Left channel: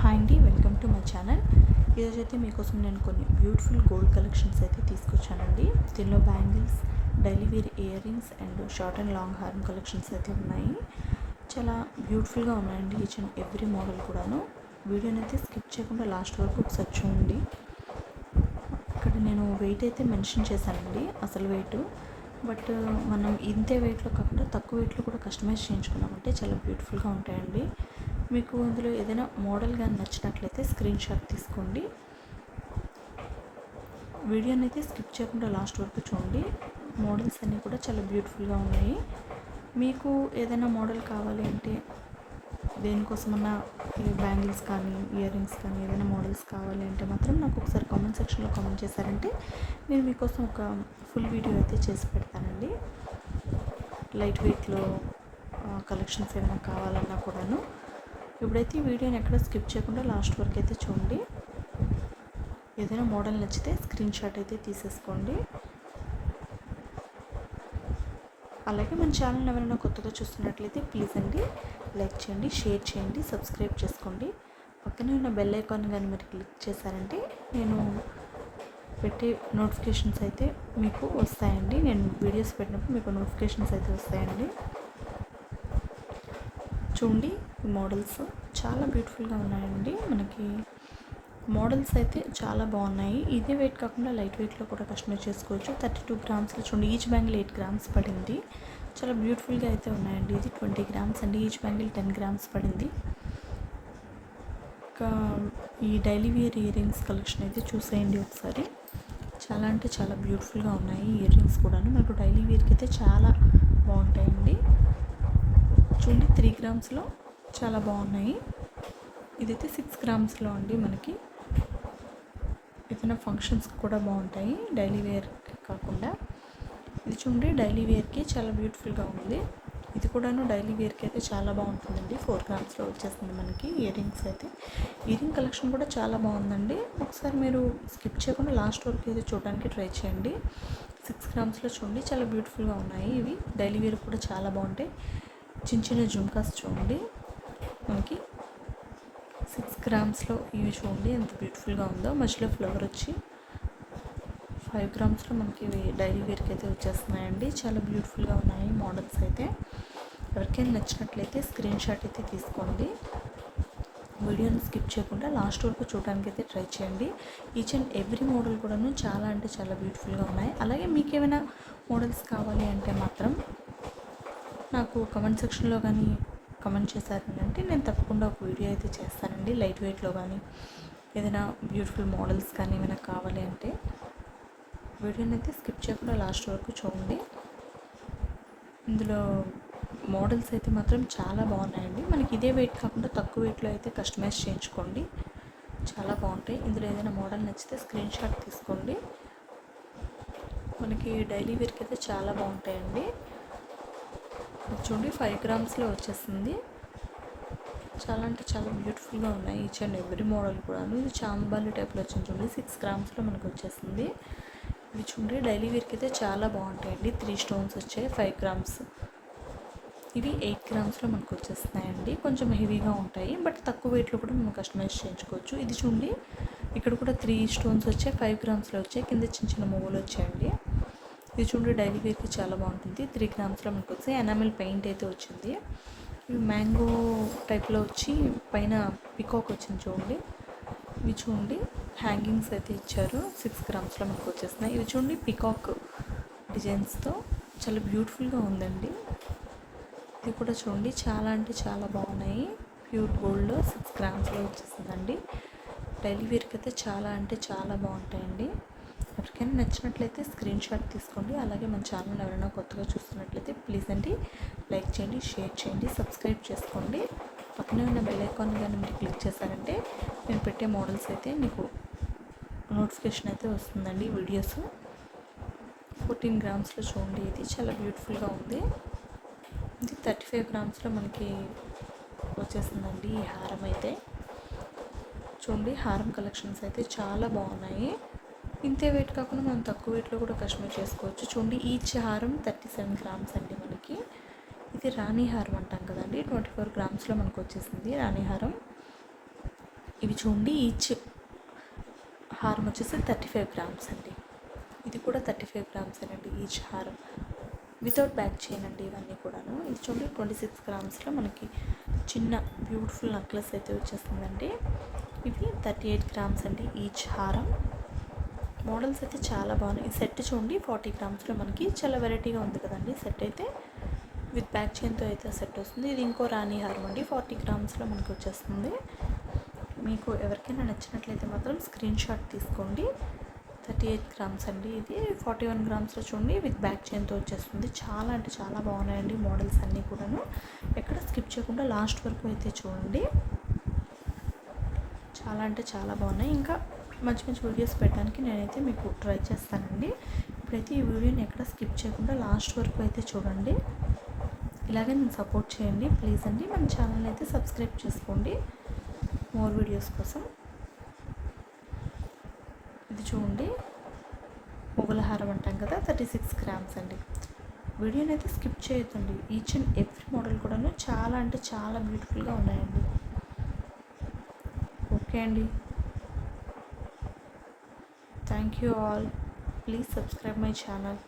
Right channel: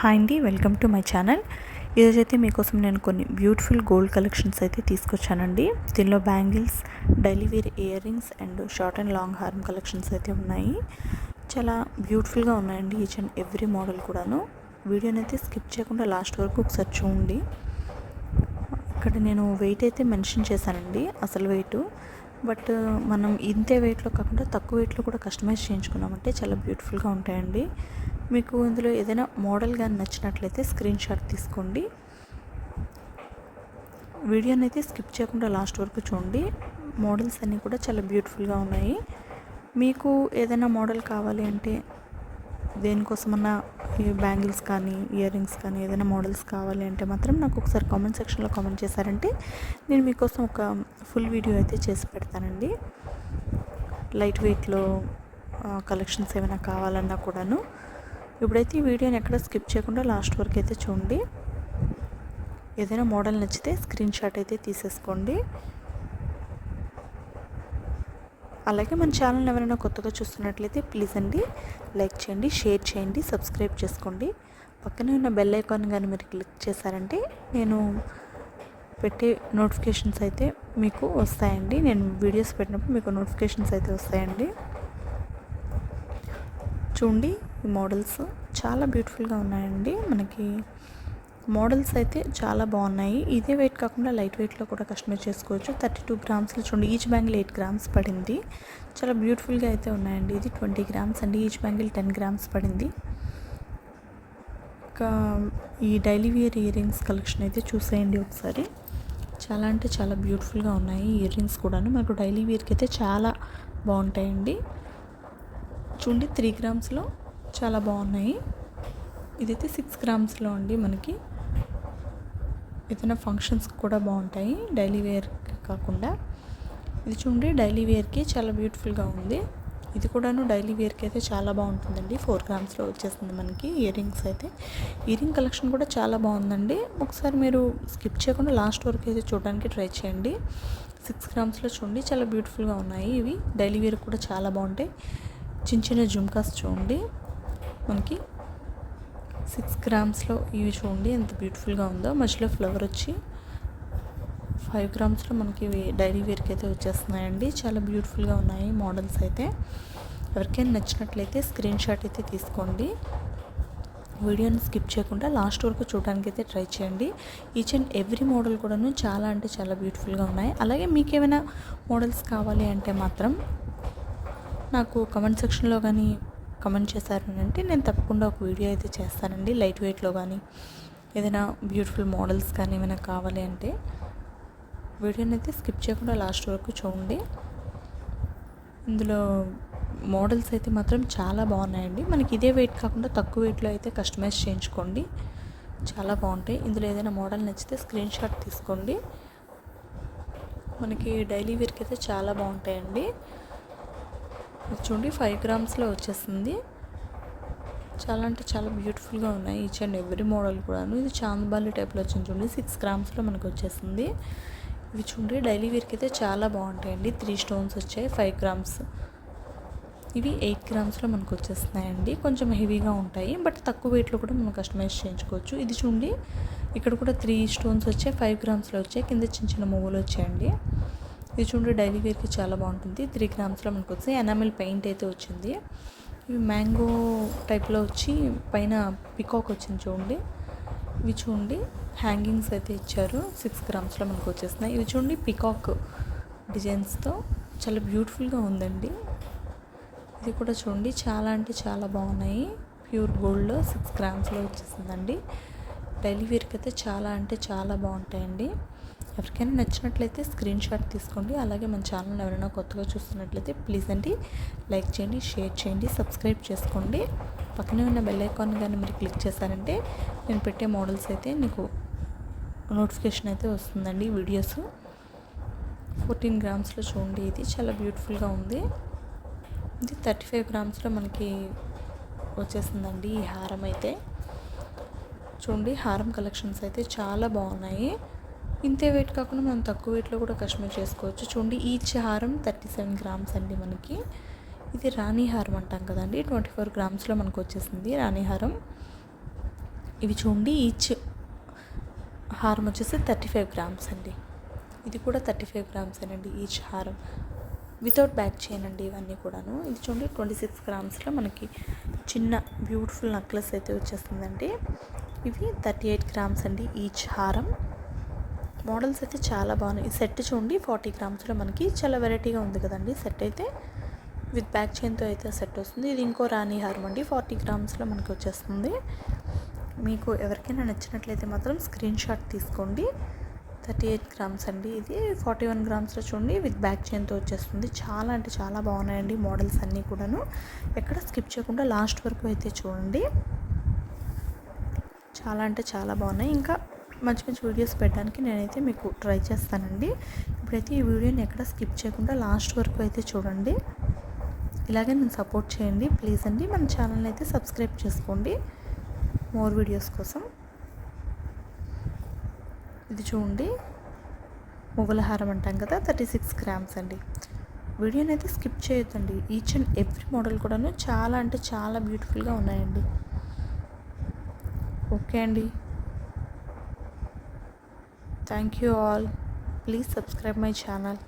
Hi అండి, welcome to my channel. ఈరోజైతే మీకోసం నేను కొన్ని బ్యూటిఫుల్ గోల్డ్ కలెక్షన్స్ అయితే తీసుకొచ్చానండి. దీనిలో bangles, daily wear earrings and short and long హారం కలెక్షన్స్ అయితే ఉన్నాయి. చాలా బ్యూటిఫుల్గా ఉన్నాయండి ఈచ్ అండ్ ఎవ్రీ మోడల్ కూడాను. వీడియోని అయితే స్కిప్ చేయకుండా లాస్ట్ వరకు ఒకసారి చూడండి. ఇక్కడ నేను వెయిట్ అయితే మెన్షన్ చేశానండి, అసలు వెయిట్. బట్ మనం ఇంతే వెయిట్లో కాకుండా తక్కువ వెయిట్లో కూడా కస్టమైజ్ చేయించుకున్నామంటే చాలా బ్యూటిఫుల్గా ఉంటాయండి. మీకు ఇందులో ఏదైనా మోడల్ కానీ నచ్చినట్లయితే స్క్రీన్ షాట్ తీసుకోండి. వీడియోని అయితే స్కిప్ చేయకుండా లాస్ట్ వరకు చూడండి. మోడల్స్ అన్నీ కూడా చాలా బ్యూటిఫుల్గా ఉన్నాయి. మీకు ఏదైనా మోడల్ కావాలి అంటే, దేనికోసమన్నా ఈ బ్యాంగిల్స్ కానీ ఇయర్ రింగ్స్ కానీ ఏదైనా మోడల్స్ కావాలి అంటే మాత్రం నాకు ఒకసారి కామెంట్ సెక్షన్లో కామెంట్ చేశారంటే నేను మీకోసం ఒక ఫుల్ వీడియో అయితే చేసి పెడతానండి. లైట్ వెయిట్లో కలెక్షన్స్ ఏమైనా కావాలన్నా కూడాను. ఇప్పుడైతే ఈ వీడియోని ఎక్కడ స్కిప్ చేయకుండా లాస్ట్ వరకు అయితే చూడండి. ఏదైనా మోడల్ నచ్చితే స్క్రీన్ షాట్ అయితే తీసేసుకోండి. అలాగే మన ఛానల్ ఎవరైనా కొత్తగా చూస్తున్నట్లయితే ప్లీజ్ అండి లైక్ చేయండి, షేర్ చేయండి, సబ్స్క్రైబ్ చేసుకోండి. పక్కనే ఉన్న బెల్ ఐకాన్ కానీ మీరు క్లిక్ చేశారంటే నేను పెట్టే నోటిఫికేషన్స్ అయితే మీకు వస్తాయండి. నేను వీడియోస్ పెట్టినప్పుడు మీకు నోటిఫికేషన్స్ అయితే వస్తాయండి. చూడండి, ఈ మోడల్స్ చాలా బ్యూటిఫుల్గా ఉన్నాయండి. మనకి మోడల్స్ అయితే చాలా బాగున్నాయి. ఇదే వెయిట్ కాకుండా లైట్ వెయిట్లో కూడా కస్టమైజ్ చేసుకోవచ్చు. 32 గ్రామ్స్లో చూడండి, ఈచ్ బ్యాంగిల్ 8 గ్రామ్స్ పడింది. చాలా బ్యూటిఫుల్గా అయితే ఉన్నాయండి. ఇది 20 గ్రామ్స్ అండి, ఈచ్ బ్యాంగిల్ 10 గ్రామ్స్ పడింది. ఇంకా ఈ daily wear earrings collection అయితే చూసేయండి ఒకసారి. చాలా అంటే చాలా బ్యూటిఫుల్గా ఉన్నాయి ఇయర్ రింగ్స్ కూడాను. మనకు డైలీ వేర్కి అయితే చాలా బాగుంటాయండి. చూడండి, 3 గ్రామ్స్లో చాలా బాగున్నాయి. ఇదైతే 6 గ్రామ్స్లో అండి. మనకి ఏదైనా ఫంక్షన్స్కి కూడా బాగుంటాయి, డైలీ వేర్కి కాకుండా. ఇది చూడండి, డైలీ వేర్కి చాలా బ్యూటిఫుల్గా ఉంది. ఇది కూడాను డైలీ వేర్కి అయితే చాలా బాగుంటుందండి. 4 గ్రామ్స్లో వచ్చేస్తుంది మనకి ఇయర్ రింగ్స్ అయితే. ఇయర్ రింగ్ కలెక్షన్ కూడా చాలా బాగుందండి. ఒకసారి మీరు స్కిప్ చేయకుండా లాస్ట్ వరకు అయితే చూడడానికి ట్రై చేయండి. 6 గ్రామ్స్లో చూడండి, చాలా బ్యూటిఫుల్గా ఉన్నాయి. ఇవి డైలీ వేర్ కూడా చాలా బాగుంటాయి. చిన్న చిన్న జుమ్కాస్ చూడండి, మనకి 6 గ్రామ్స్లో ఇవి చూడండి ఎంత బ్యూటిఫుల్గా ఉందో. మధ్యలో ఫ్లవర్ వచ్చి 5 గ్రామ్స్లో మనకి డైలీ వేర్కి అయితే వచ్చేస్తున్నాయండి. చాలా బ్యూటిఫుల్గా ఉన్నాయి మోడల్స్ అయితే. ఎవరికైనా నచ్చినట్లయితే స్క్రీన్ షాట్ అయితే తీసుకోండి. వీడియోని స్కిప్ చేయకుండా లాస్ట్ వరకు చూడడానికి అయితే ట్రై చేయండి. ఈచ్ అండ్ ఎవ్రీ మోడల్ కూడాను చాలా అంటే చాలా బ్యూటిఫుల్గా ఉన్నాయి. అలాగే మీకు ఏమైనా మోడల్స్ కావాలి అంటే మాత్రం నాకు కామెంట్ సెక్షన్లో కానీ కామెంట్ చేశారు అంటే నేను తప్పకుండా ఒక వీడియో అయితే చేస్తానండి. లైట్ వెయిట్లో కానీ ఏదైనా బ్యూటిఫుల్ మోడల్స్ కానీ ఏమైనా కావాలి అంటే వీడియోని అయితే స్కిప్ చేయకుండా లాస్ట్ వరకు చూడండి. ఇందులో మోడల్స్ అయితే మాత్రం చాలా బాగున్నాయండి. మనకి ఇదే వెయిట్ కాకుండా తక్కువ వెయిట్లో అయితే కస్టమైజ్ చేయించుకోండి, చాలా బాగుంటాయి. ఇందులో ఏదైనా మోడల్ నచ్చితే స్క్రీన్ షాట్ తీసుకోండి. మనకి డైలీ వేర్కి అయితే చాలా బాగుంటాయండి. చూడండి, 5 గ్రామ్స్లో వచ్చేస్తుంది. చాలా అంటే చాలా బ్యూటిఫుల్గా ఉన్నాయి ఈచ్ అండ్ ఎవ్రీ మోడల్ కూడాను. ఇది చాందబాలి టైప్లో వచ్చింది చూడండి, 6 గ్రామ్స్లో మనకు వచ్చేస్తుంది. ఇవి చూడండి, డైలీ వేర్కి అయితే చాలా బాగుంటాయండి. 3 స్టోన్స్ వచ్చాయి, 5 గ్రామ్స్. ఇవి 8 గ్రామ్స్లో మనకు వచ్చేస్తున్నాయండి. కొంచెం హెవీగా ఉంటాయి, బట్ తక్కువ వెయిట్లో కూడా మనం కస్టమైజ్ చేయించుకోవచ్చు. ఇది చూడండి, ఇక్కడ కూడా 3 స్టోన్స్ వచ్చాయి, 5 గ్రామ్స్లో వచ్చాయి. కింద చిన్న చిన్న మువ్వలు వచ్చాయండి. ఇది చూడండి, డైలీ వేర్కి చాలా బాగుంటుంది. 3 గ్రామ్స్లో మనకు వచ్చి ఎనామిల్ పెయింట్ అయితే వచ్చింది. ఇవి మ్యాంగో టైప్లో వచ్చి పైన పికాక్ వచ్చింది చూడండి. ఇవి చూడండి, హ్యాంగింగ్స్ అయితే ఇచ్చారు. 6 గ్రామ్స్లో మనకు వచ్చేస్తున్నాయి. ఇవి చూడండి, పికాక్ డిజైన్స్తో చాలా బ్యూటిఫుల్గా ఉందండి. ఇది కూడా చూడండి, చాలా అంటే చాలా బాగున్నాయి. ప్యూర్ గోల్డ్లో 6 గ్రామ్స్లో వచ్చేసిందండి. డైలీ వేర్కి అయితే చాలా అంటే చాలా బాగుంటాయండి. ఎవరికైనా నచ్చినట్లయితే స్క్రీన్ షాట్ తీసుకోండి. అలాగే మన ఛానల్ ఎవరైనా కొత్తగా చూస్తున్నట్లయితే ప్లీజ్ అండి లైక్ చేయండి, షేర్ చేయండి, సబ్స్క్రైబ్ చేసుకోండి. పక్కనే ఉన్న బెల్ ఐకాన్ కానీ మీరు క్లిక్ చేశారంటే నేను పెట్టే మోడల్స్ అయితే మీకు నోటిఫికేషన్ అయితే వస్తుందండి. వీడియోస్ 14 గ్రామ్స్లో చూడండి, ఇది చాలా బ్యూటిఫుల్గా ఉంది. ఇది 35 గ్రామ్స్లో మనకి వచ్చేసిందండి ఈ హారం అయితే. చూడండి, హారం కలెక్షన్స్ అయితే చాలా బాగున్నాయి. ఇంతే వెయిట్ కాకుండా మనం తక్కువ వెయిట్లో కూడా కస్టమైజ్ చేసుకోవచ్చు. చూడండి, ఈచ్ హారం 37 గ్రామ్స్ అండి మనకి. ఇది రాణి హారం అంటాం కదండి, 24 గ్రామ్స్లో మనకు వచ్చేసింది రాణి హారం. ఇవి చూడండి, ఈచ్ హారం వచ్చేసి 35 గ్రామ్స్ అండి. ఇది కూడా 35 గ్రామ్స్ అండి ఈచ్ హారం, వితౌట్ బ్యాక్ చైన్ అండి ఇవన్నీ కూడాను. ఇది చూడండి 26 గ్రామ్స్లో మనకి చిన్న బ్యూటిఫుల్ నెక్లెస్ అయితే వచ్చేస్తుందండి. ఇవి 38 గ్రామ్స్ అండి ఈచ్ హారం. మోడల్స్ అయితే చాలా బాగున్నాయి. ఈ సెట్ చూడండి 40 గ్రామ్స్లో మనకి చాలా వెరైటీగా ఉంది కదండి. సెట్ అయితే విత్ బ్యాక్ చైన్తో అయితే సెట్ వస్తుంది. ఇది ఇంకో రాణి హారం అండి, 40 గ్రామ్స్లో మనకి వచ్చేస్తుంది. మీకు ఎవరికైనా నచ్చినట్లయితే మాత్రం స్క్రీన్ షాట్ తీసుకోండి. 38 గ్రామ్స్ అండి. ఇది 41 గ్రామ్స్లో చూడండి విత్ బ్యాక్ చైన్తో వచ్చేస్తుంది. చాలా అంటే చాలా బాగున్నాయండి మోడల్స్ అన్నీ కూడాను. ఎక్కడ స్కిప్ చేయకుండా లాస్ట్ వరకు అయితే చూడండి. చాలా అంటే చాలా బాగున్నాయి. ఇంకా మంచి మంచి వీడియోస్ పెట్టడానికి నేనైతే మీకు ట్రై చేస్తానండి. ఇప్పుడైతే ఈ వీడియోని ఎక్కడ స్కిప్ చేయకుండా లాస్ట్ వరకు అయితే చూడండి. ఇలాగే నేను సపోర్ట్ చేయండి ప్లీజ్ అండి. మన ఛానల్ని అయితే సబ్స్క్రైబ్ చేసుకోండి మోర్ వీడియోస్ కోసం. ఇది చూడండి మొగలహారం అంటాం కదా, 36 గ్రామ్స్ అండి. వీడియోని అయితే స్కిప్ చేయొద్దండి. ఈచ్ అండ్ ఎవ్రీ మోడల్ కూడాను చాలా అంటే చాలా బ్యూటిఫుల్గా ఉన్నాయండి. ఓకే అండి, thank you all. Please subscribe my channel.